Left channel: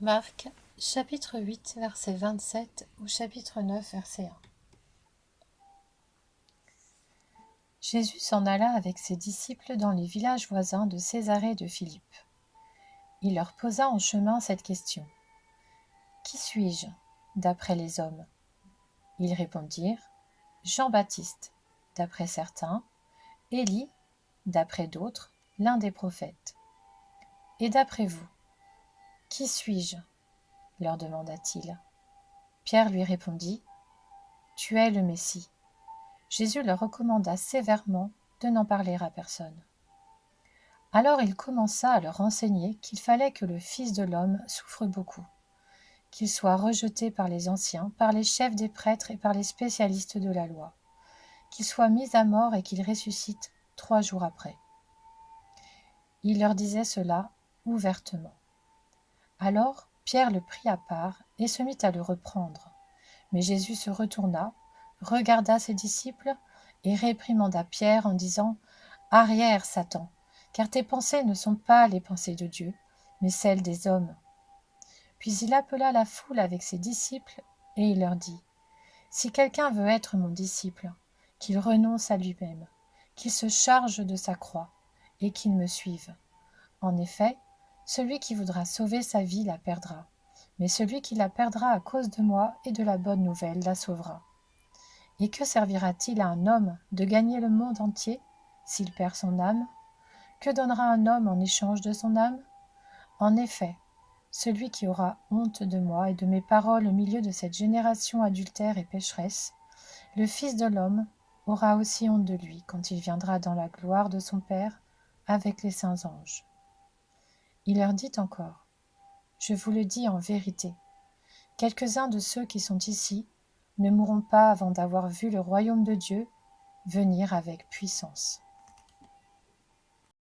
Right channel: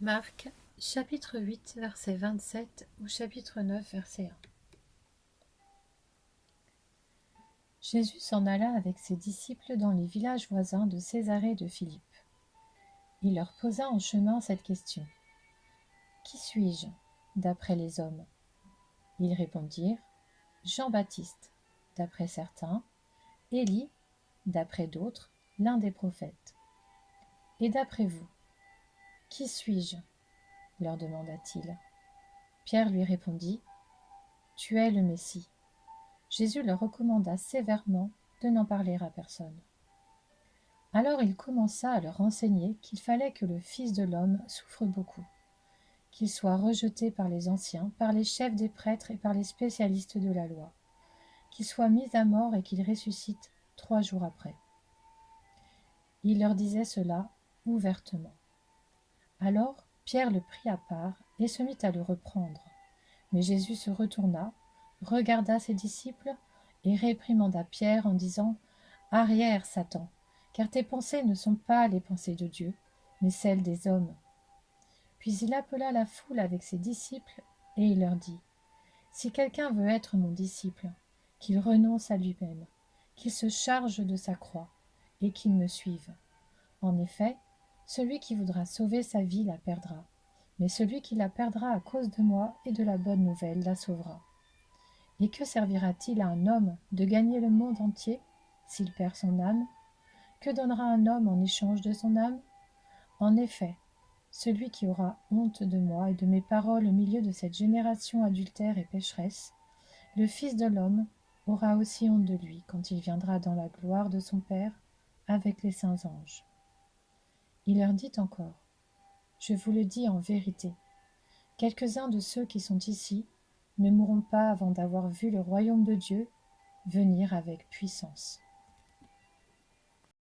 Marc, chapitre 8, verset 27 ou chapitre 9, verset 1. Jésus s'en alla avec ses disciples dans les villages voisins de Césarée de Philippe. Il leur posa en chemin cette question. « Qui suis-je, d'après les hommes ?» Ils répondirent « Jean-Baptiste, d'après certains, Élie, d'après d'autres, l'un des prophètes. Et d'après vous, qui suis-je » leur demanda-t-il. Pierre lui répondit « Tu es le Messie. » Jésus leur recommanda sévèrement de n'en parler à personne. Alors il commença à leur enseigner qu'il fallait que le Fils de l'homme souffre beaucoup, qu'il soit rejeté par les anciens, par les chefs des prêtres et par les spécialistes de la loi, qu'il soit mis à mort et qu'il ressuscite 3 jours après. Il leur disait cela ouvertement. Alors Pierre le prit à part et se mit à le reprendre. Mais Jésus se retourna, regarda ses disciples et réprimanda Pierre en disant « Arrière, Satan, car tes pensées ne sont pas les pensées de Dieu, mais celles des hommes. » Puis il appela la foule avec ses disciples et il leur dit « Si quelqu'un veut être mon disciple, qu'il renonce à lui-même, qu'il se charge de sa croix et qu'il me suive. En effet, celui qui voudra sauver sa vie la perdra, mais celui qui la perdra à cause de moi et de la bonne nouvelle la sauvera. Et que servira-t-il à un homme de gagner le monde entier s'il perd son âme ? Que donnera un homme en échange de son âme ? En effet, celui qui aura honte de moi et de mes paroles au milieu de cette génération adultère et pécheresse, le Fils de l'homme aura aussi honte de lui quand il viendra dans la gloire de son Père avec les saints anges. » Il leur dit encore, « Je vous le dis en vérité, quelques-uns de ceux qui sont ici ne mourront pas avant d'avoir vu le royaume de Dieu venir avec puissance. »